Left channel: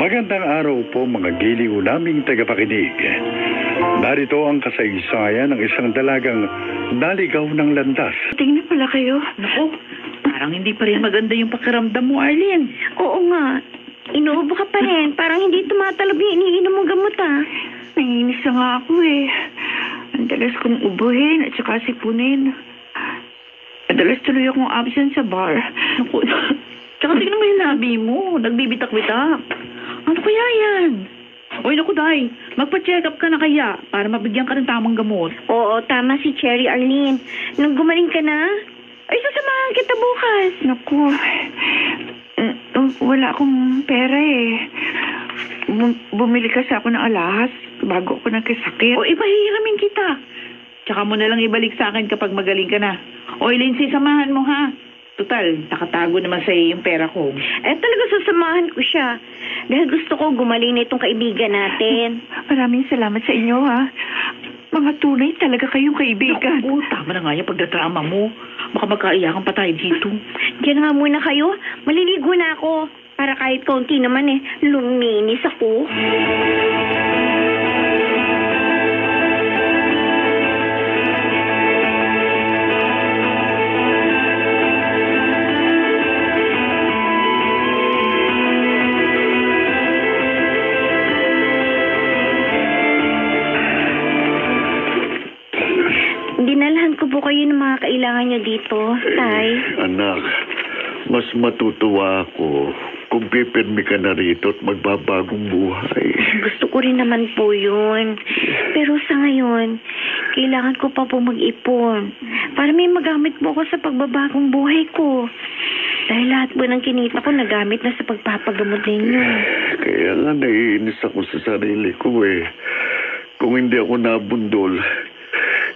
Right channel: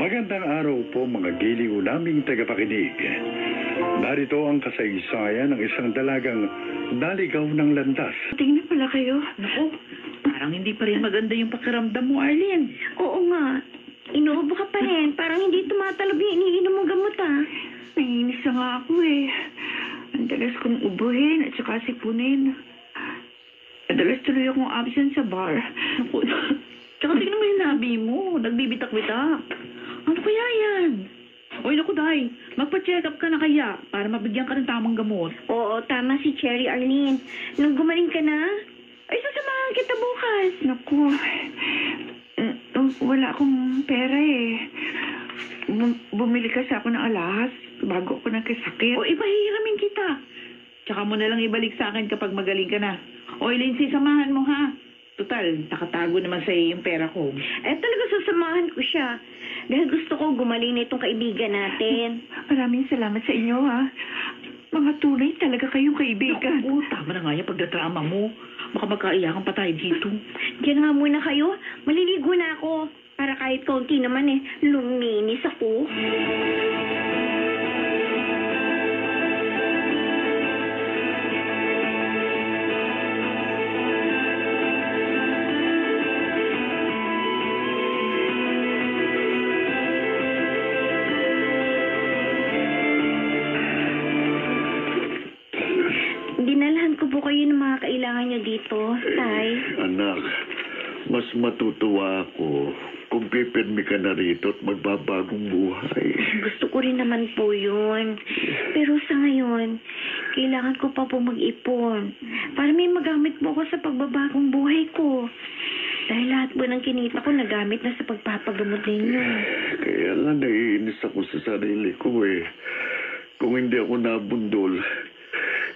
Magandang araw po mga giliw naming tagapakinig. Narito ang kasaysayan ng isang dalagang naligaw ng landas. Tingnan pala kayo. Naku, parang hindi pa rin maganda yung pakiramdam mo, Arlene. Oo nga. Inuubo ka pa rin. Parang hindi tumatalab yung iniinom mong gamot, ah. Nanginis na nga ako, eh. Ang dalas kong ubuhin at saka sipunin. Madalas tuloy akong absent sa bar. Naku, tsaka tingnan mo yung labi mo. Nagbibitak-bitak. Ano kaya yan? Oy, naku, Day. Magpa-check up ka na kaya para mabigyan ka ng tamang gamot. Oo, tama si Cherry Arlene. Nung gumaling ka na, ay sasamahan kita bukas. Naku, wala akong pera eh. Bumili kasi ako ng alahas bago ako nagkasakit. O, ipahihiramin kita. Tsaka mo na lang ibalik sa akin kapag magaling ka na. Oy, Lindsay, samahan mo, ha? Total, nakatago naman sa yung pera ko. Eh, talaga sasamahan ko siya. Dahil gusto ko gumaling na itong kaibigan natin. Maraming salamat sa inyo, ha. Mga tunay talaga kayong kaibigan. Naku, tama na nga yung pagdadrama mo. Baka magkaiyakan pa tayo dito. Diyan nga muna kayo. Maliligo na ako. Para kahit kaunti naman eh, luminis ako. Dinalhan ko po kayo ng mga kailangan nyo dito, Tay. Anak, mas matutuwa ako kung pipirmi ka na rito at magbabagong buhay. Gusto ko rin naman po yun. Pero sa ngayon, kailangan ko pa po mag-ipon para may magamit po ako sa pagbabagong buhay ko. Dahil lahat po ng kinita ko nagamit na sa pagpapagamot ninyo. Kaya nga naiinis ako sa sarili ko eh. Kung hindi ako nabundol,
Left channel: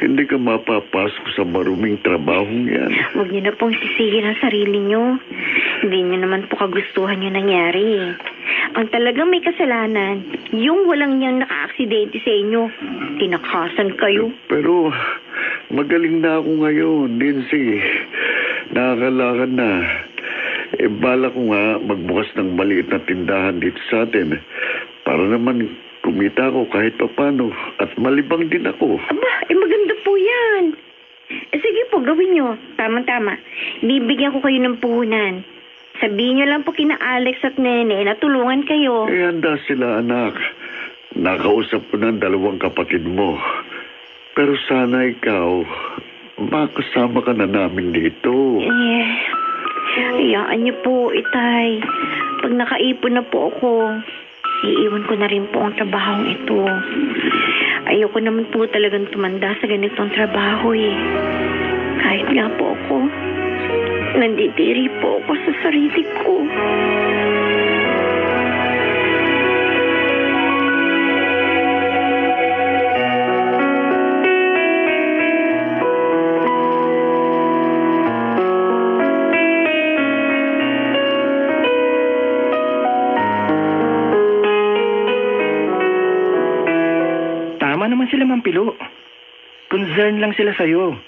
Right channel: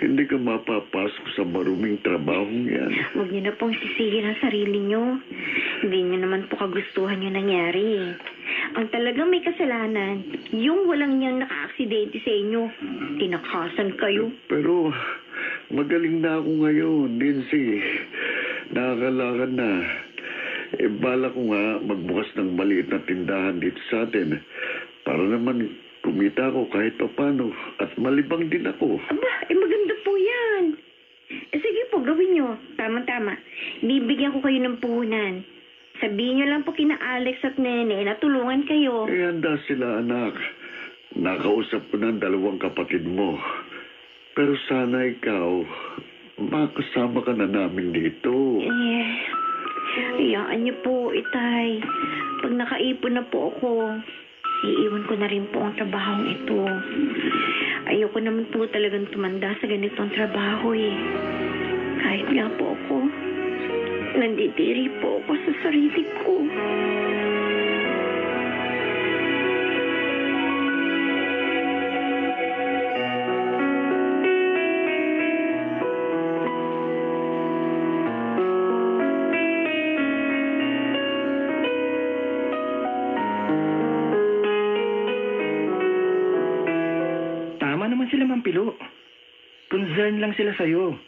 hindi ka mapapasok sa maruming trabahong yan. Huwag niyo na pong sisihin ang sarili niyo. Hindi niyo naman po kagustuhan yung nangyari. Ang talagang may kasalanan, yung walang niyang naka-aksidente sa inyo. Tinakasan kayo. Pero magaling na ako ngayon, Lindsay. Nakakalakad na. Bala ko nga magbukas ng maliit na tindahan dito sa atin. Para naman kumita ako kahit papano at malibang din ako. Aba, maganda po yan. Sige po, gawin nyo. Tama-tama. Bibigyan ko kayo ng puhunan. Sabihin nyo lang po kina Alex at Nene na tulungan kayo. Handa sila, anak. Nakausap ko ng 2 kapatid mo. Pero sana ikaw, makasama ka na namin dito. Hayaan niyo po, Itay. Pag nakaipon na po ako, iiwan ko na rin po ang trabahong ito. Ayoko naman po talagang tumanda sa ganitong trabaho eh. Kahit nga po ako, nandidiri po ako sa sarili ko. Sila Mampilo. Concern lang sila sa'yo.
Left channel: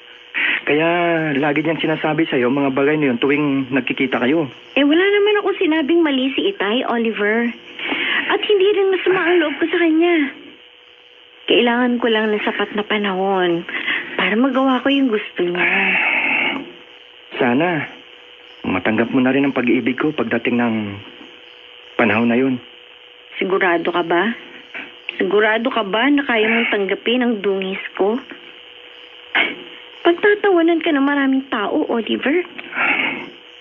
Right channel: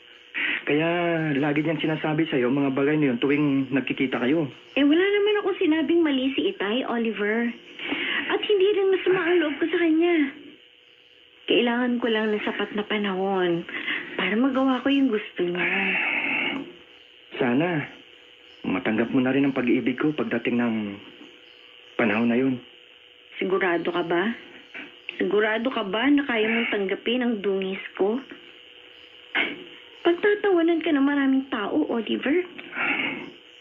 Kaya lagi niyang sinasabi sa'yo mga bagay na yun tuwing nagkikita kayo. Eh wala naman ako sinabing mali si Itay, Oliver. At hindi rin masama ang loob ko sa kanya. Kailangan ko lang ng sapat na panahon para magawa ko yung gusto niya. Sana matanggap mo na rin ang pag-ibig ko pagdating ng panahon na yun. Sigurado ka ba? Sigurado ka ba na kaya mong tanggapin ang dungis ko? Pagtatawanan ka ng maraming tao, Oliver.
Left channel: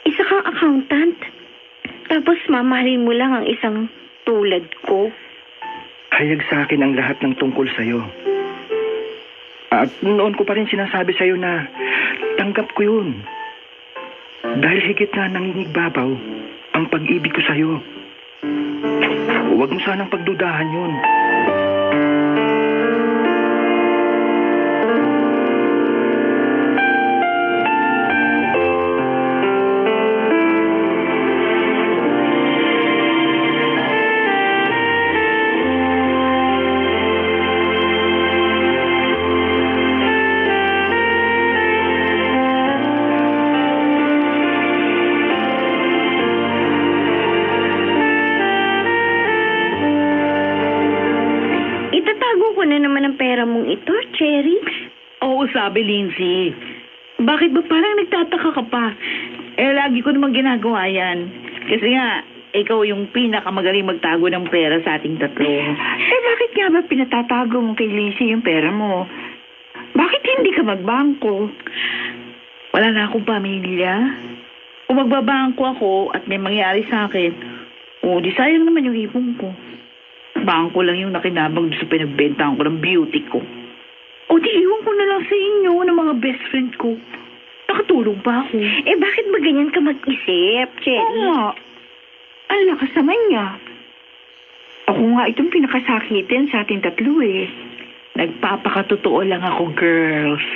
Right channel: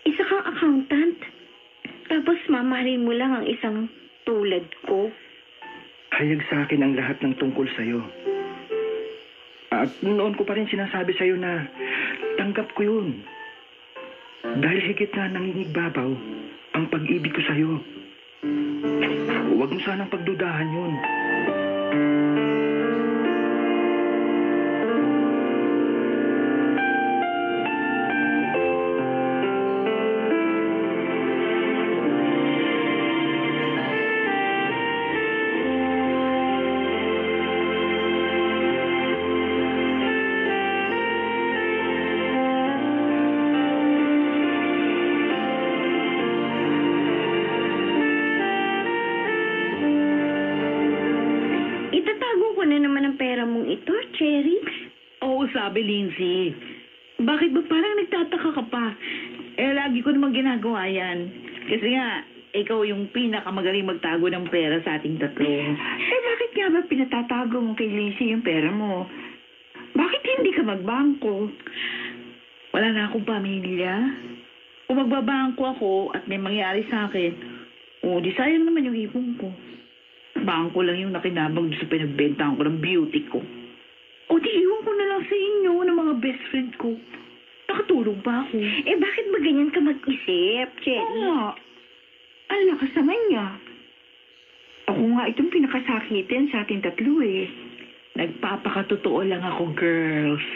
Isa kang accountant. Tapos mamahalin mo lang ang isang tulad ko. Hayag sa akin ang lahat ng tungkol sa'yo. At noon ko pa rin sinasabi sa'yo na tanggap ko yun. Dahil higit na nangingigbabaw ang pag-ibig ko sa'yo. Huwag mo sanang pagdudahan yun. na naman ang pera mong ito, Cherry? Oo, sabi Lindsay. Bakit ba parang nagtataka ka pa? Lagi ko namang ginagawa yan. Kasi nga, ikaw yung pinakamagaling magtago ng pera sa ating tatlo. Bakit nga ba pinatatago mo kay Lizzie yung pera mo? Bakit hindi ka magbangko? Wala na akong pamilya. Kung magbabangko ako at may mangyari sa akin, di sayang naman yung ipon ko. Bangko lang yung nakinabang sa pinagbentahan ko ng beauty ko. Di iwan ko na lang sa inyo ng mga best friend ko. Nakatulong pa ako. Bakit ba ganyan ka mag-isip, Cherry? Oo. Ang lakas naman niya. Ako nga itong pinakasakitin sa ating tatlo eh. Nagpapakatotoo lang ako, girls.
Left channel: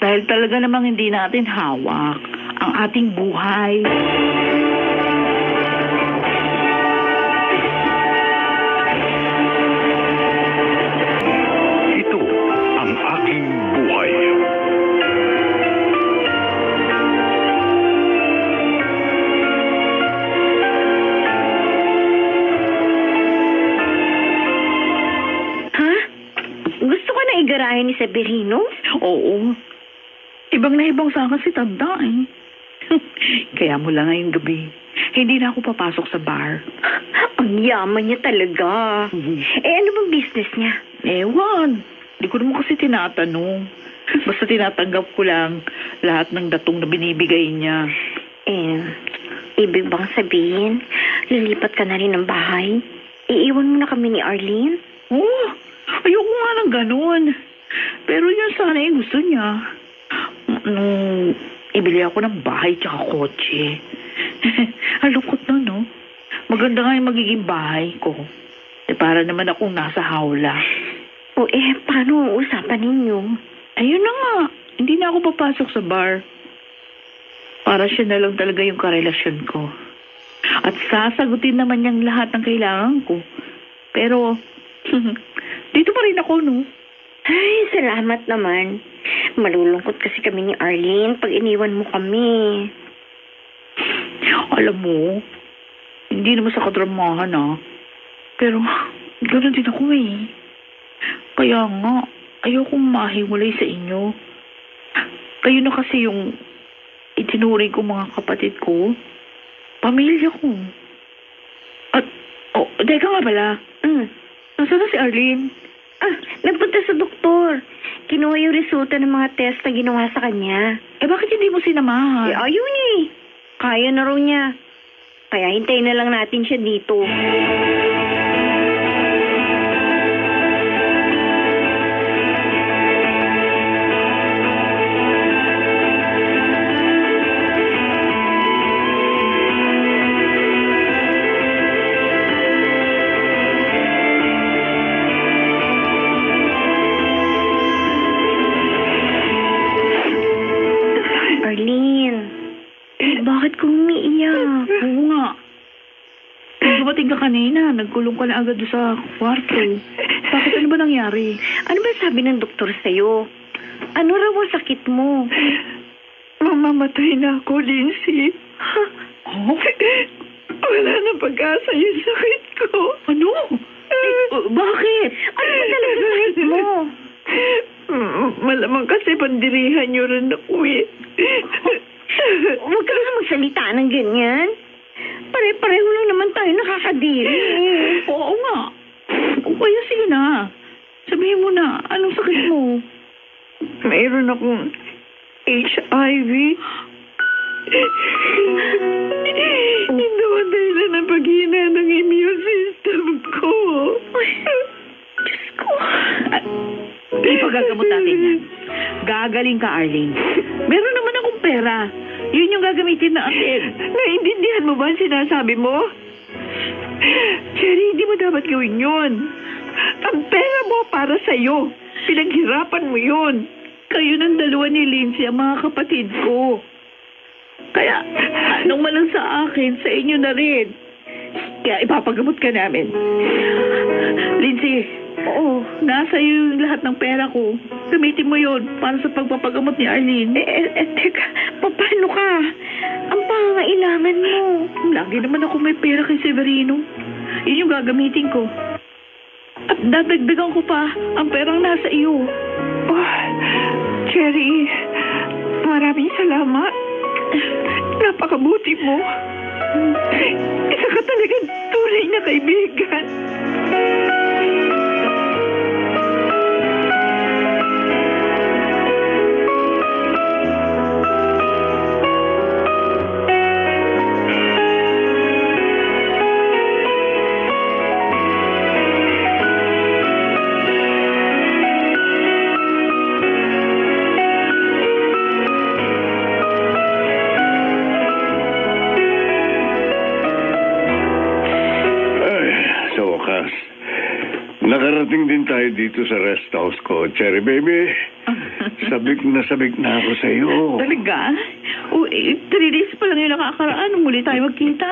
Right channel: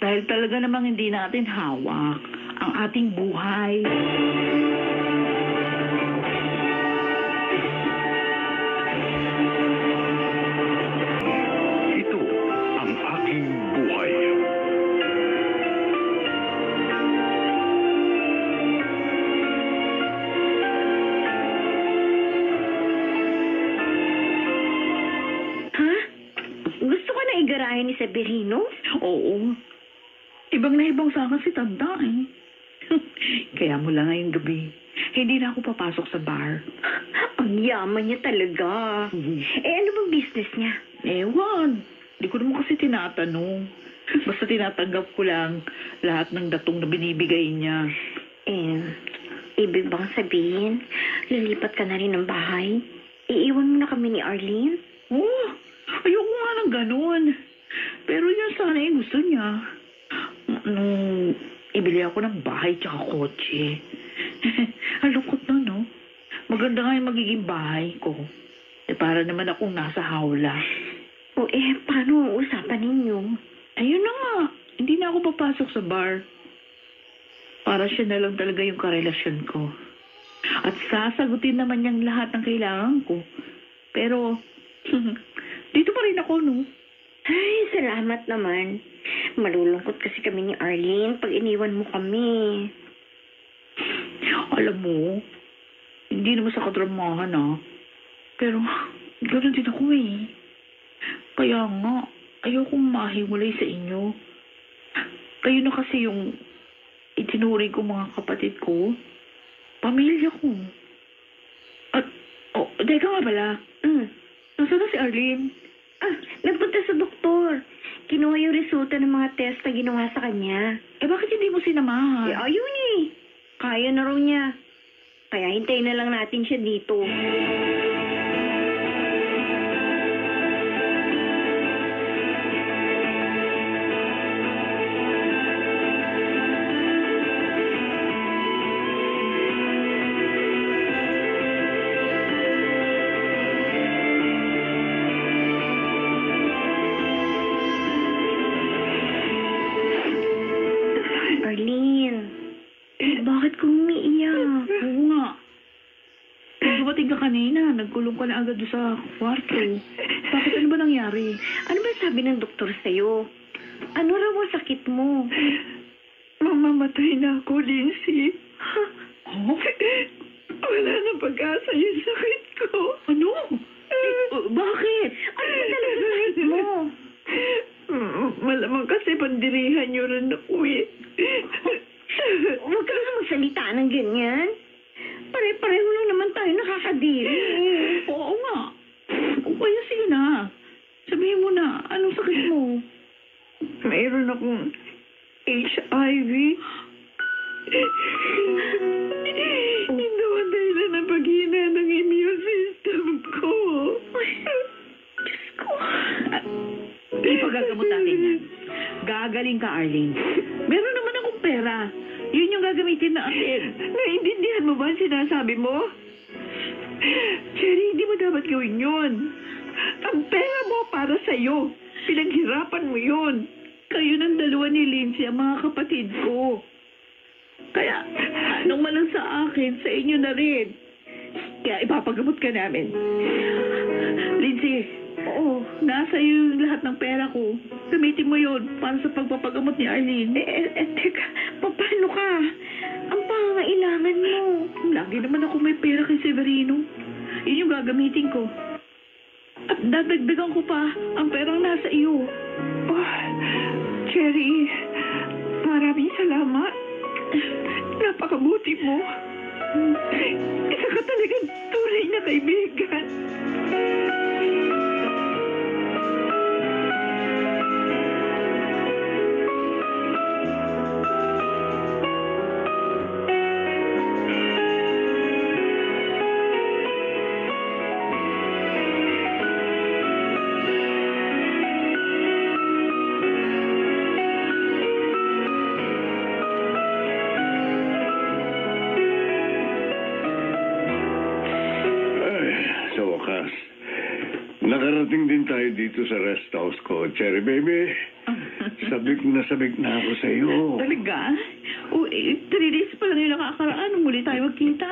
Dahil talaga namang hindi natin hawak ang ating buhay. Ito ang aking buhay. Ha? Gusto ko na igarayan ni Severino? Oo. Ibang na ibang sa akin si Tanda eh. Kaya mula ngayong gabi, hindi na ako papasok sa bar. Ang yaman niya talaga. Ano bang business niya? Ewan. Hindi ko naman kasi tinatanong. Basta tinatanggap ko lang lahat ng datong na binibigay niya. Ibig bang sabihin, lilipat ka na rin ng bahay? Iiwan mo na kami ni Arlene? Ayoko nga ng ganun. Pero yun sana yung gusto niya. Ibili ako ng bahay tsaka kotse. Alukot na, no? Maganda nga yung magiging bahay ko. Para naman akong nasa hawla. Paano ang usapan ninyo? Ayun na nga. Hindi na ako papasok sa bar. Para siya na lang talaga yung karelasyon ko. At sasagutin naman niyang lahat ng kailangan ko. Pero, dito pa rin ako, no? Ay, salamat naman. Malulungkot kasi kami ni Arlene pag iniwan mo kami. Alam mo, hindi naman sa kadramahan, Pero, gano'n din ako eh. Kaya nga, ayokong mahiwalay sa inyo. Kayo na kasi yung itinuring ko mga kapatid ko. Pamilya ko. At, teka nga pala. Nasaan na si Arlene? Nagpunta sa doktor. Kinuha yung resulta ng mga test na ginawa sa kanya. Bakit hindi mo sinamahan? Ayun eh. Kaya na raw niya. Kaya hintayin na lang natin siya dito. Arlene, bakit ka umiiyak? Oo nga. Nung dumating ka kanina, nagkulong ka na agad doon sa kwarto. Bakit ano ba nangyari? Ano ba sabi ng doktor sa'yo? Ano raw ang sakit mo? Mamamatay na ako, Lindsay. Oh? Wala na pag-asa yung sakit ko. Ano? Bakit? Ano ba talaga sakit mo? Malamang kasi pandirihan niyo rin ako eh. Huwag ka nga magsalita ng ganyan. Pare-pareho lang naman tayo nakakadiri. Oo nga. O kaya sige na. Sabihin mo na, anong sakit mo? Mayroon akong HIV. Ito ang dahilan ng paghina ng immune system ko. Diyos ko. Ipagagamot natin yan. Gagaling ka, Arlene. Meron naman akong pera. Yun yung gagamitin natin. Naintindihan mo ba ang sinasabi mo? Cherry, hindi mo dapat gawin yun. Ang pera mo para sa'yo. Pinaghirapan mo yun. Kayo ng dalawa ni Lindsay ang mga kapatid ko. Kaya, anong malang sa akin, sa inyo na rin. Kaya ipapagamot ka namin. Lindsay, nasa iyo yung lahat ng pera ko. Gamitin mo yon para sa pagpapagamot ni Arlene. Teka, paano ka? Ang pangangailangan mo. Lagi naman ako may pera kay Severino. Yun yung gagamitin ko. At dadagdagan ko pa ang perang nasa iyo. Oh, Cherry, maraming salamat. Napakabuti mo. Isa ka talagang tunay na kaibigan. Nakarating din tayo dito sa rest house ko, Cherry Baby. Sabik na ako sa iyo. Talaga? O, 3 days pa lang yung nakakaraan. Muli tayo magkita.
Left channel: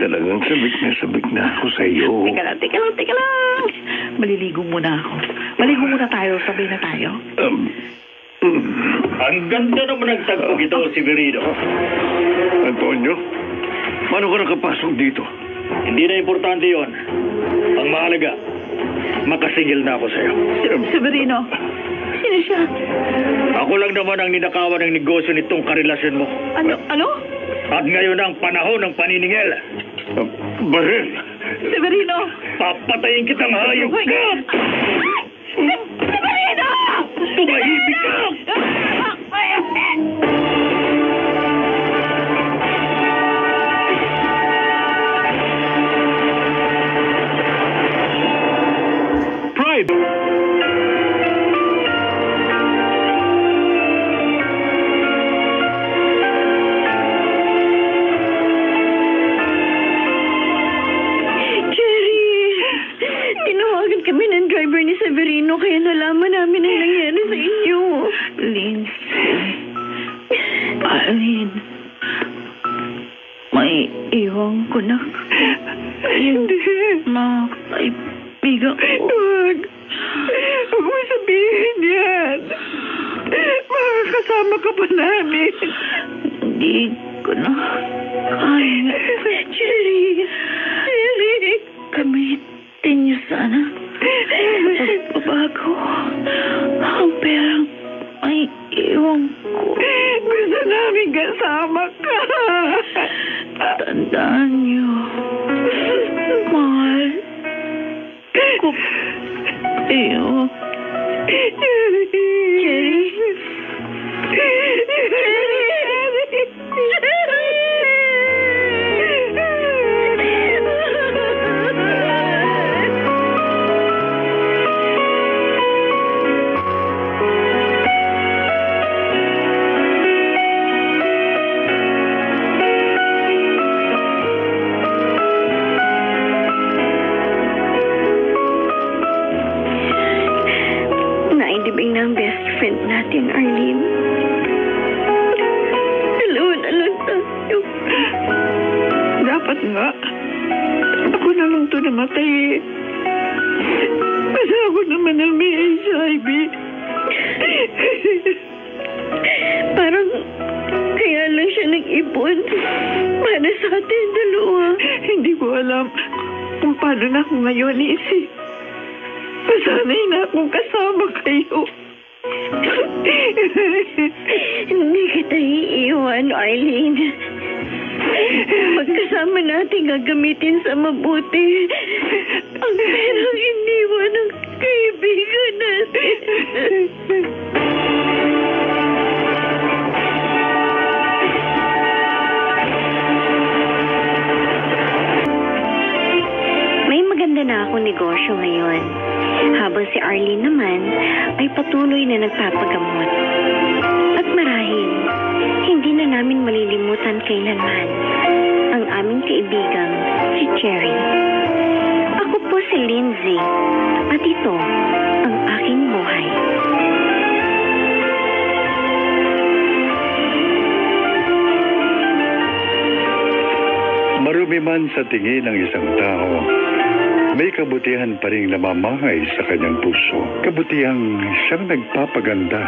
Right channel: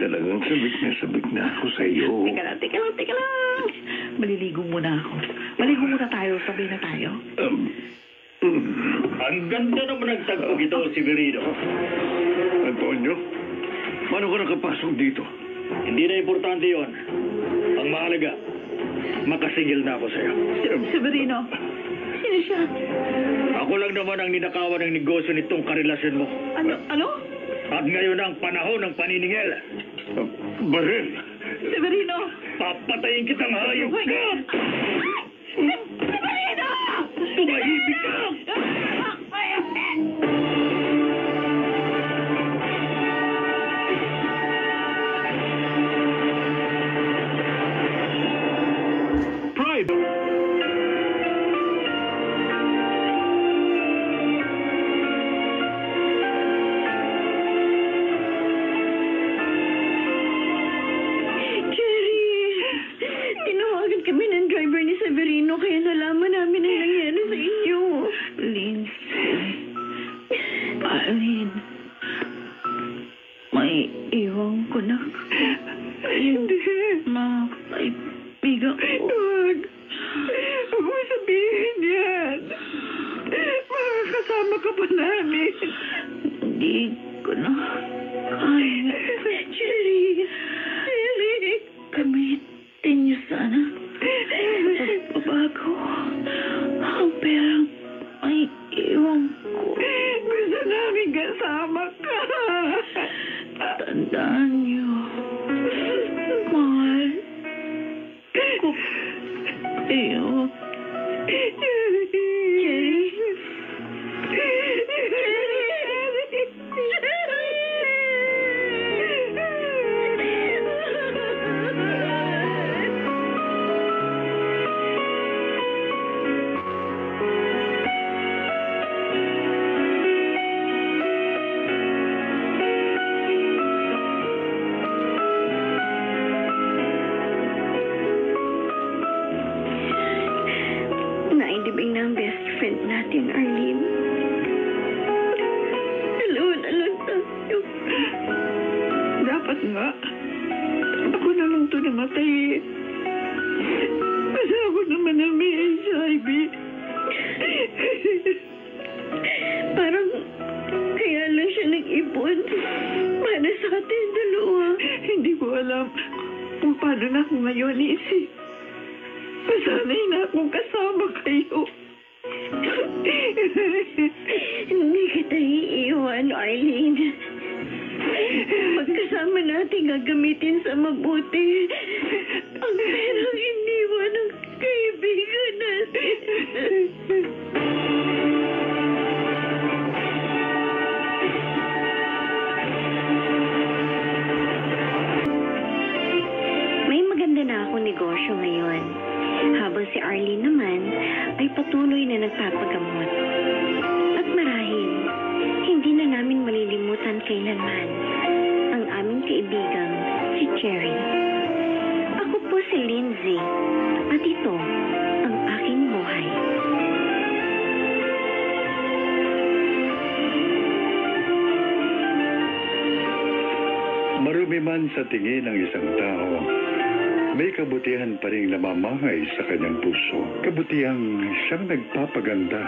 Talagang sabik na ako sa iyo. Teka lang. Maliligo muna ako. Maligo muna tayo. Sabay na tayo. Ang ganda naman ng tagpog ito, Severino. Antonio, paano ka nakapasok dito? Hindi na importante yon. Ang mahalaga, makasingil na ako sa'yo. Severino, sino siya? Ako lang naman ang ninakawan ng negosyo nitong karelasyon mo. Ano? At ngayon ang panahon ng paniningil. Bahel! Severino! Papatayin kitang hayop ka! Severino! Tumahimik ka! Pride! Tinawagan kami ng driver ni Severino kaya nalaman namin ang nangyari sa inyo. Lindsay. Alin. May iwan ko na. Hindi. Mga kaibigan ko. Huwag. Huwag mo sabihin yan. Makakasama ka pa namin. Hindi ko na kaya. Cherry! Gamitin niyo sana. Pagbabago. Ang perang may iwan ko. Gusto namin kasama ka. Tandaan niyo. Mahal ko kayo. Naidibing na ang best friend natin, Arlene. Dalawa na lang tayo. Dapat nga. Ako na lang to namatay eh. Kasi ako naman ang may HIV. Parang kaya lang siya nag-ipon para sa atin dalawa. Hindi ko alam kung paano na ako ngayon, Isi. Pasanay na akong kasama kayo. Hindi kita iiwan, Arlene. Magkasama natin gagamitin sa mabuti ang perang iniwan ng kaibigan natin. May maganda na akong negosyo ngayon. Habang si Arlene naman ay patuloy na nagpapagamot. At marahil, hindi na namin malilimutan kailanman ang aming kaibigang si Cherry. Ako po si Lindsay at ito ang aking buhay. Marumi man sa tingin ng isang tao, may kabutihan pa rin namamahay sa kanyang puso. Kabutihang siyang nagpapaganda